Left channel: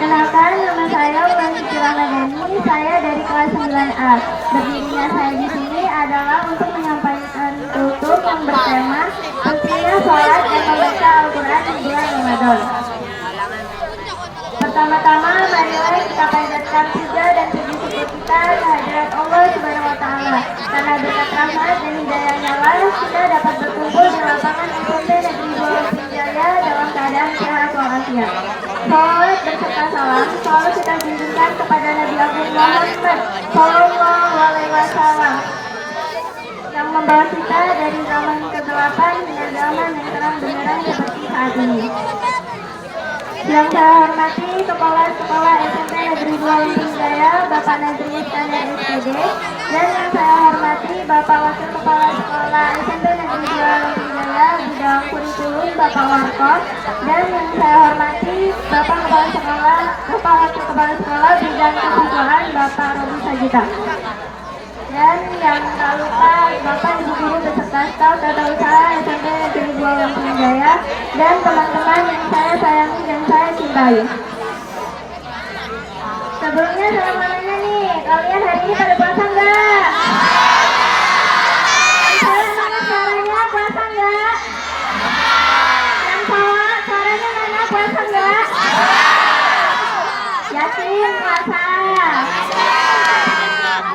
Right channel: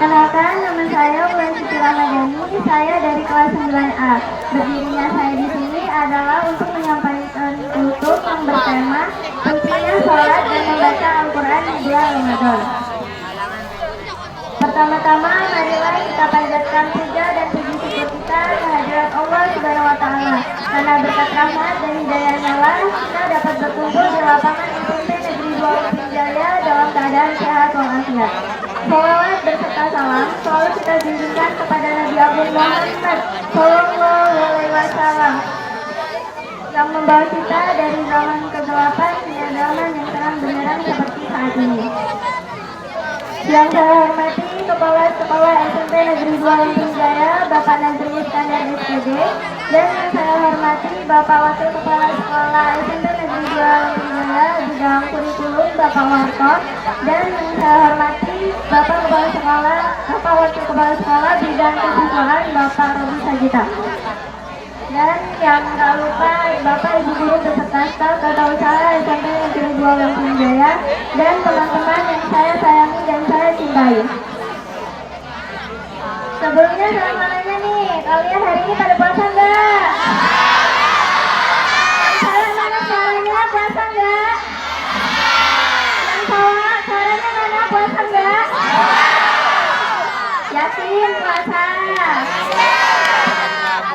Perkenalkan, nama saya Umar Siti Ramadhani. Saya dari kelas 9A. Berdirinya saya di sini adalah untuk menyampaikan tutur yang bertema pentingnya sholat dan membaca Al-Quran di bulan Ramadan. Pertama-tama, marilah kita panjatkan puja dan puji syukur kita kehadirat Allah Subhanahu wa Ta'ala. Karena berkat rahmat dan hidayahnya lah kita dapat berkumpul di lapangan SMP Negeri 2 Lupin Jaya dalam keadaan sehat walafiat. Salawat berserta salam selalu kita junjungkan kepada Nabi Agung Muhammad Sallallahu Alaihi Wasallam yang membawa kita dari zaman kegelapan hingga zaman yang terang benderang seperti saat ini. Yang saya hormati Kepala Sekolah SMP Negeri 2 Lupin Jaya, Bapak Nazri Iskandar SPD, dan yang saya hormati Bapak Wakil Kepala Sekolah SMP Negeri 2 Lupin Jaya, bidang kurikulum Bapak Warko, dan yang saya hormati Bapak Kepala Sekolah, Bapak Wakil Kepala Sekolah bidang kesiswaan Bapak Robi Sagita. Dan yang tak lupa Bapak Ibu Guru beserta staf Tata Usaha SMP Negeri 2 Lupin Jaya dan teman-teman yang saya sayangi dan saya cintai. Sebelumnya selamat nanya nih, kalian hari ini pada puasa enggak? Kalian mana suaranya, puasa enggak? Suaranya mana, puasa enggak? Yakin puasa?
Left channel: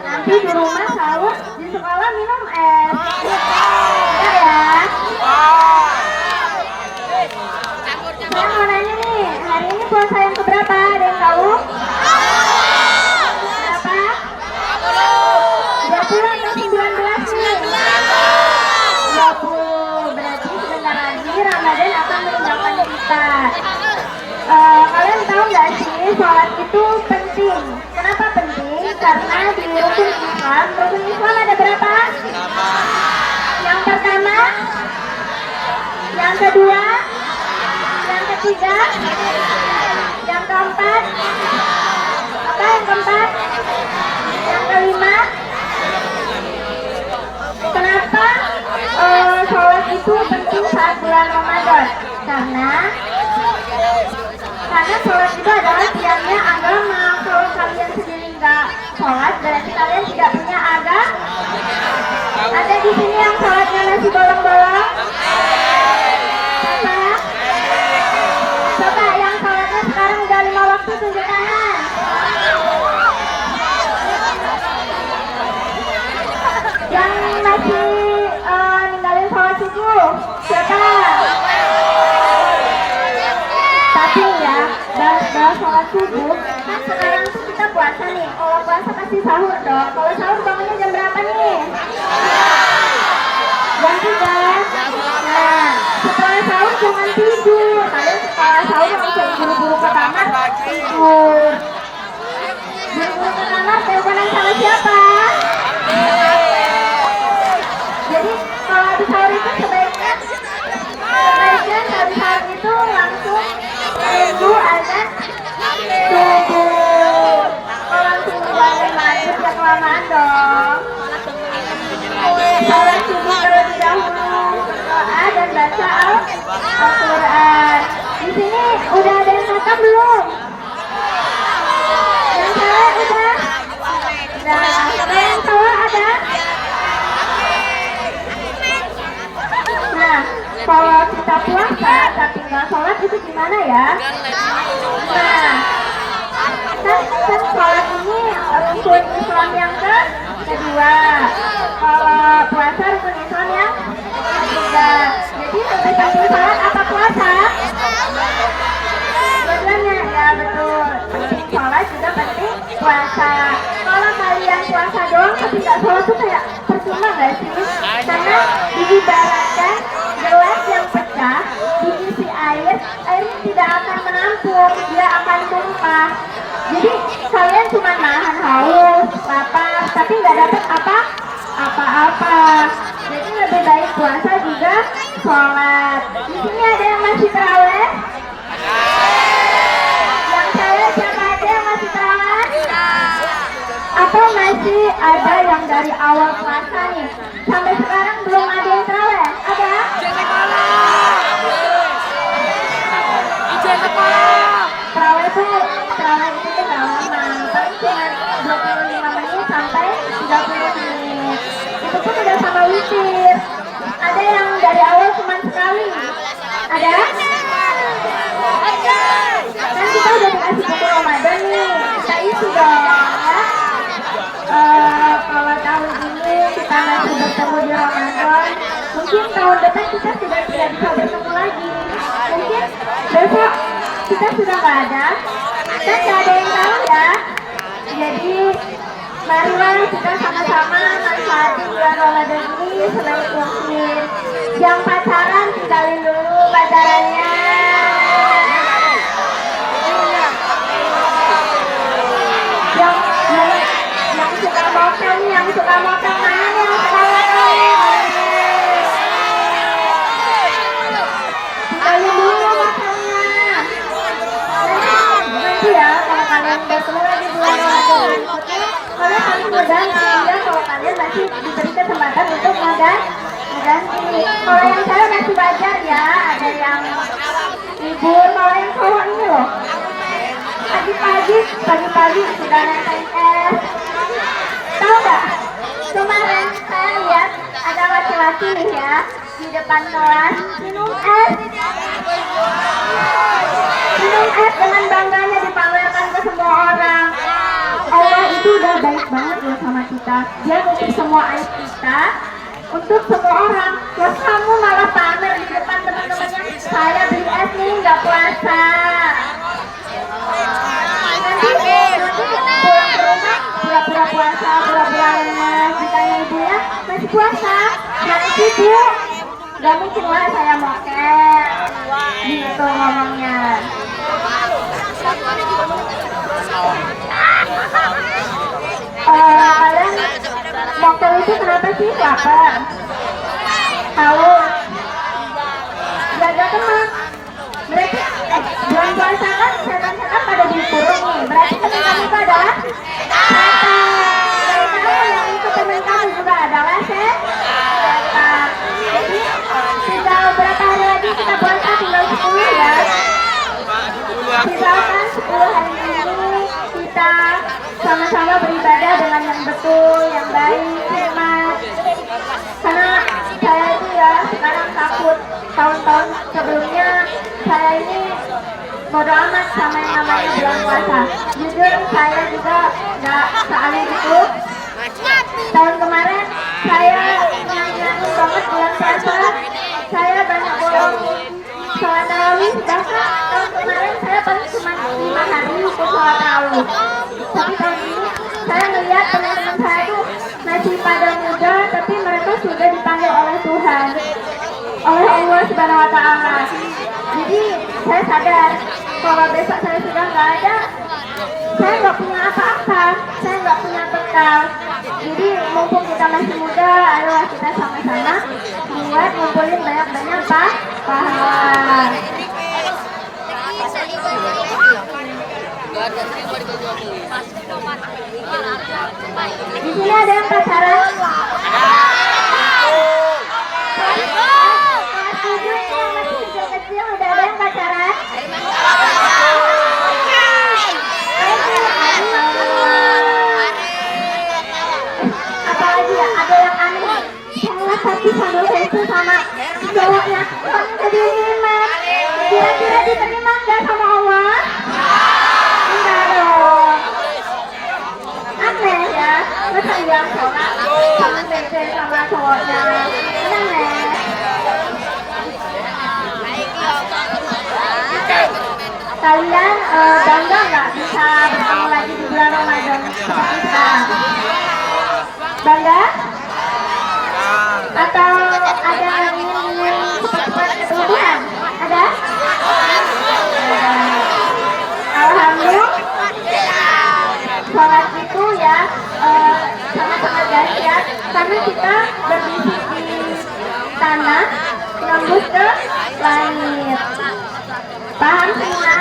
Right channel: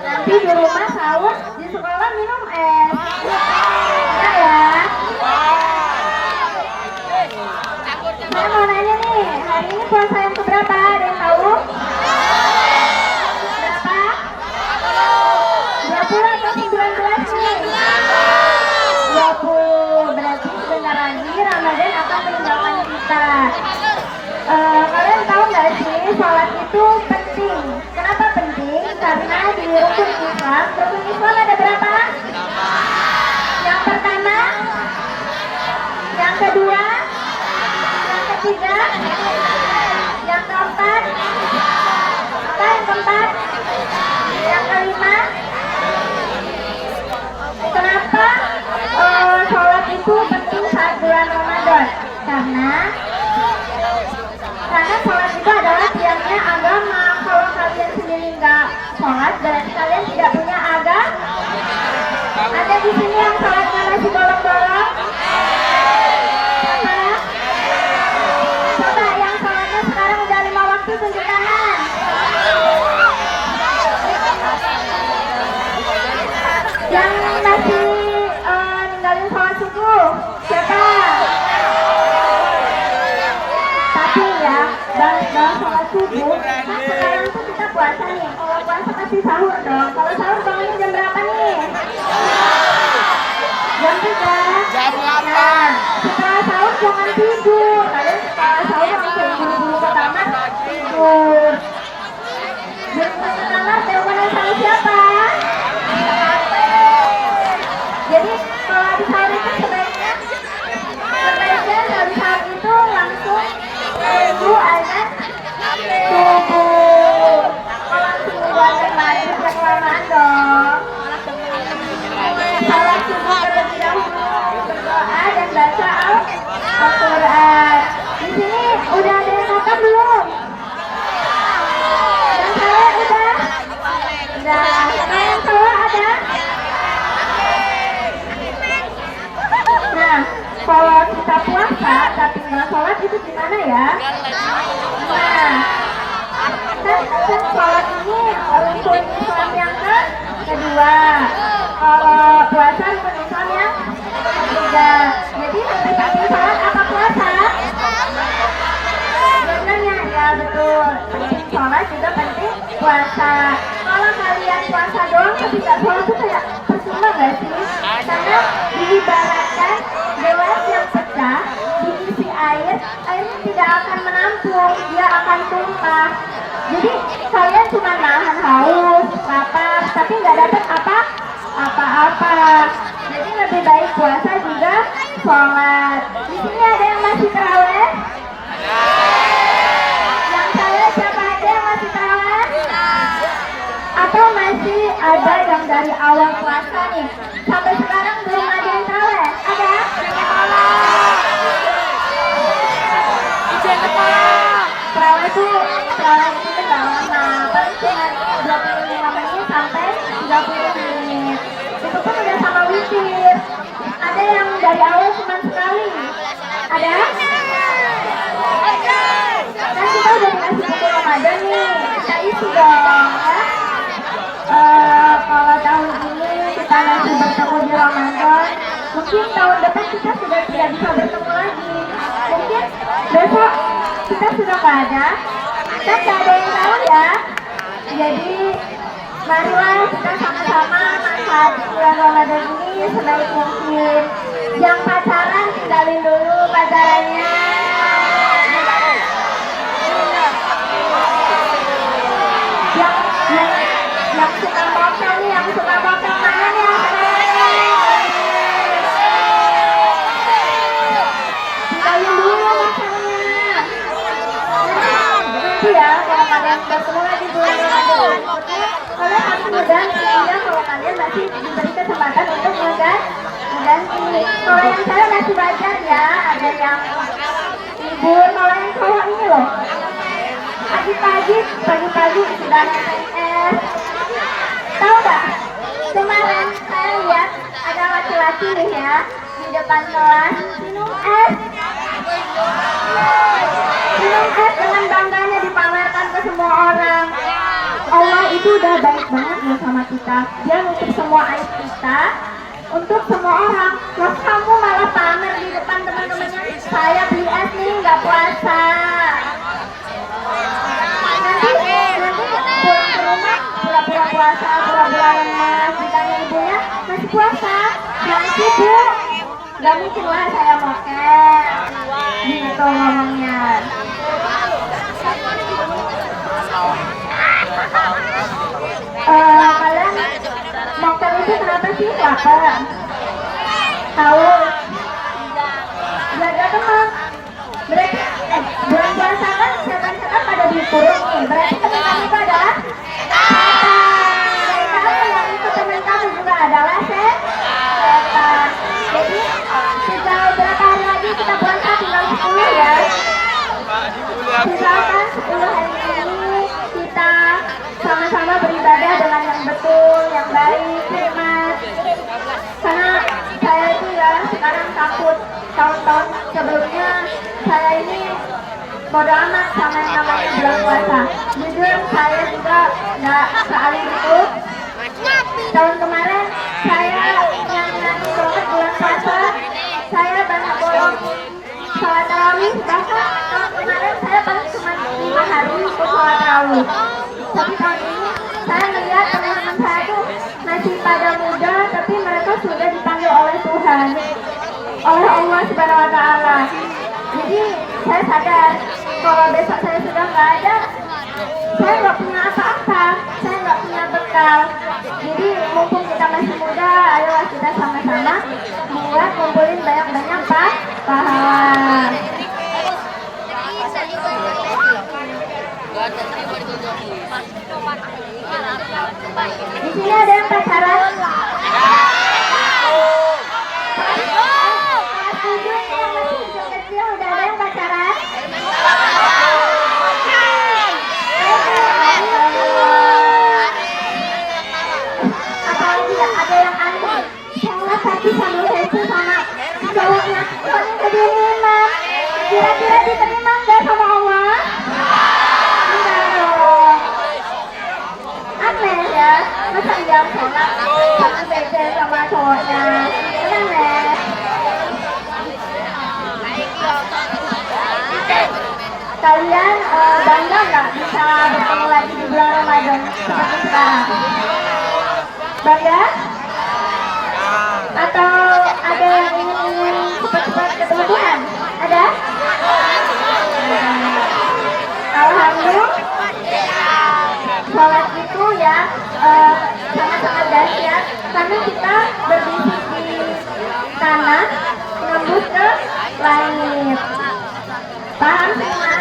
Nanti di rumah sahur, di sekolah minum es. Ya ya. Saya mau nanya nih, hari ini puasa yang keberapa? Ada yang tahu? Berapa? 20 atau 19 nih? 20. Berarti sebentar lagi Ramadan akan meninggalkan kita. Kalian tahu nggak sih, sholat itu penting. Kenapa penting? Karena di rukun Islam, rukun Islam ada berapa? Yang pertama, yang kedua, yang ketiga, yang keempat, apa yang keempat? Yang kelima. Kenapa sholat itu penting saat bulan Ramadan? Karena sholat itu adalah tiangnya agama. Kalau kalian sendiri nggak sholat, berarti kalian tidak punya agama. Ada di sini yang sholatnya masih bolong-bolong? Coba yang sholatnya sekarang udah 5 waktu, tunjuk tangan. Yang masih ninggalin sholat subuh, siapa? Tapi ya, bahas sholat subuh, kan sekarang tuh kita puasa nih. Kalau puasa pasti sahur dong. Kalau sahur bangunnya jam berapa nih? Jam 3. Nah, setelah sahur jangan tidur. Kalian setelah sahur langsung buru-buru ke kamar tidur. Buru-buru ke kamar teleponan sama siapa? Jadi kalau habis sahur itu sebaiknya habis sahur itu langsung tunggu azan subuh. Kalau tunggu azan maghrib ya kelamaan dong. Sholat subuh terlebih dahulu, berdoa dan baca Al-Quran. Di sini udah ada yang hafal belum? Yang salah udah? Udah. Kalau yang salah ada? Nah, kalau kita puasa tapi nggak sholat itu gimana ya? Nah, kan sholat ini rukun Islam yang kedua. Kalau puasa rukun Islam yang ketiga. Jadi lebih penting sholat apa puasa? Dua-duanya, ya betul. Penting sholat juga penting puasa. Kalau kalian puasa doang tapi nggak sholat tuh kayak percuma nggak sih? Karena diibaratkan gelas yang pecah diisi air, airnya tidak akan menampung, dia akan tumpah. Jadi kalian cuma nahan haus, lapar, tapi nggak dapat apa-apa. Jadi lebih baik puasa juga sholat. Di sini ada yang masih terawih? Yang saya siapa aja yang masih terawih? Atau masih ada yang dari awal puasa nih sampai sekarang belum ada yang terawih? Ada? Terawih itu Ada yang dari awal cuma sekali. Ada? Kan kita udah dikasih buku Ramadan nih, kita isi dong ya. Kalau tahun ini kita masih bertemu di Ramadan, mungkin tahun depan kita sudah tidak bisa bertemu lagi. Mungkin besok kita sudah nggak ada, kan nggak ada yang tahu ya. Jadi marilah kita sama-sama manfaatin bulan Ramadan ini sebaik mungkin. Yang pacaran tinggalin dulu pacarannya. Yang suka mokel nih, yang suka mokel mana nih yang sekarang nih? Tinggalin dulu mokelnya. Nanti ya kalau kalian bertemu lagi bulan Ramadan, kalian harus mengganti ya. Kalau kalian masih diberi kesempatan untuk mengganti. Kalau yang saya masih belajar ya, ada yang libur. Kalau yang cowok ini loh, pagi-pagi sudah SMS. Tahu nggak? Kemarin saya lihat ada laki-laki nih ya di depan kelas minum es dengan bangganya dipamerkan ke semua orang. Itu udah baik banget loh sama kita. Dia ngutip semua aib kita untuk semua orang. Yang kamu malah pamer di depan teman-temannya, saya beli es nih nggak puasa. Nanti pulang ke rumah pura-pura puasa, pura-pura lemes, ditanya ibunya masih puasa, jangan sibuk. Gak mungkin lah saya mokel gitu ngomongnya. Kalian mokel itu kenapa sih? Lapar? Haus? Gak ada teman? Berarti bulan puasa kan setan-setan pada dikurung nih. Berarti teman itu adalah setan. Saya yang ikut teman kamu juga adalah setan. Jadi tinggal berapa hari lagi kita puasa? Tinggal 10 ya. Misalkan 10 hari ini kita sama-sama beribadah dengan yang betul, yang baik, hikmat. Karena saya itu ya sekarang takut tahun-tahun sebelumnya saya ini bodo amat sama yang namanya bulan puasa. Jujur saya juga nggak sealim itu. Tahun kemarin saya nyanyi banget bulan puasa. Saya banyak bolong sholat tarawih. Bahkan tahun kemarin saya paling cuma 5 hari ikut sholat tarawih. Tapi tahun ini saya melihat teman-teman saya tuh masih pada muda, tapi mereka sudah dipanggil oleh Tuhan, oleh Allah Subhanahu Wa Taala. Jadi saya sadar kalau besok saya sudah nggak ada, saya nggak punya apa-apa, saya nggak punya bekal. Jadi mumpung kita masih muda, ayo kita sama-sama mulai ngumpulin banyak-banyak pahala. Di sini ada yang pacaran? Kecil udah ada yang pacaran? Apalagi ya, ada yang aneh. Sholat tapi sambil selfie sama cowoknya. Cowoknya jadi nikmat. Kira-kira diterima nggak sama Allah? Enggak dong. Aneh ya, masa dia sholat sambil beda sama cowoknya? Aneh. Kalian bangga nggak bisa bertemu lagi di bulan Ramadan seperti sekarang? Bangga? Atau ada yang ingin cepat-cepat ketemu Tuhan? Ada? Alhamdulillah. Sholat itu ya sangat-sangat dahsyat karena kita berdiri di tanah nembus ke langit. Paham semua?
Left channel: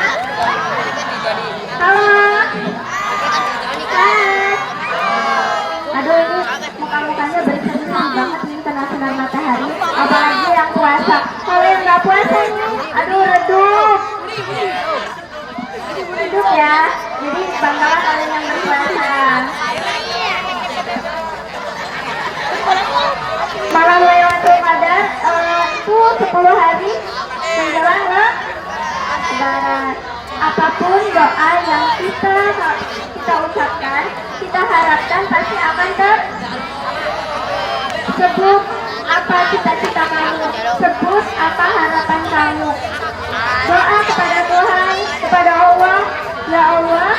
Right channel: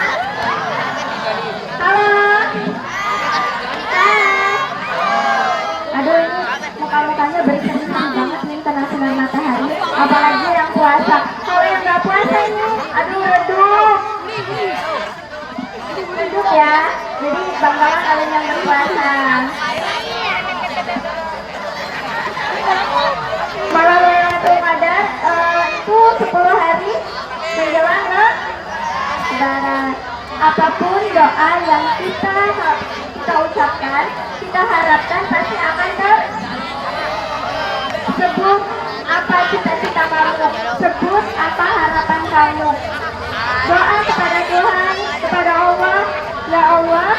Halo? Aduh ini muka-mukanya bersih-bersih banget nih kena sinar matahari. Apalagi yang puasa. Kalau yang nggak puasa ini, aduh redup. Redup ya. Jadi banggalah kalian yang berpuasa. Malam Lailatul Qadar Barat. Apapun doa yang kita ucapkan, kita harapkan pasti akan tersebut. Apa cita-cita kamu? Sebut apa harapan kamu? Doa kepada Tuhan, kepada Allah. Ya Allah,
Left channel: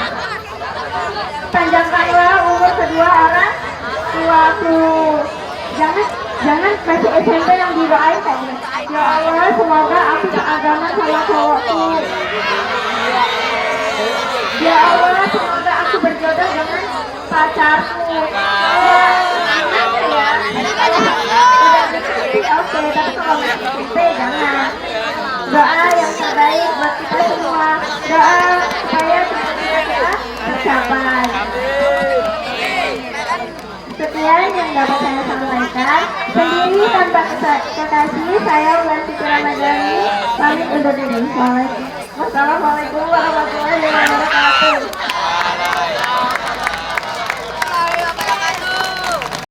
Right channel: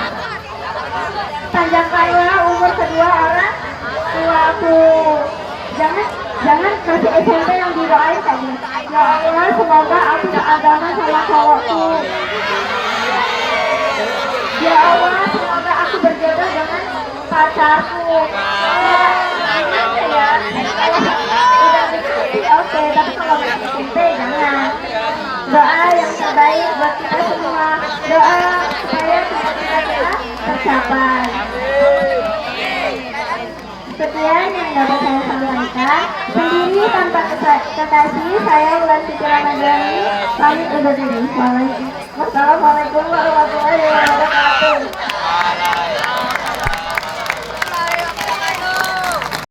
panjangkanlah umur kedua orang tuaku. Jangan masih SMP yang didoain kamu. Ya Allah, semoga aku seagama sama cowokku. Ya Allah, semoga aku berjodoh dengan pacarku. Ya, oke, tapi kalau masih SMP jangan. Doa yang terbaik buat kita semua. Doa supaya kita tercapai. Sekian yang dapat saya sampaikan. Sendiri tanpa kekasih, saya Wulan Siti Ramadhani pamit undur diri. Wassalamualaikum warahmatullahi wabarakatuh.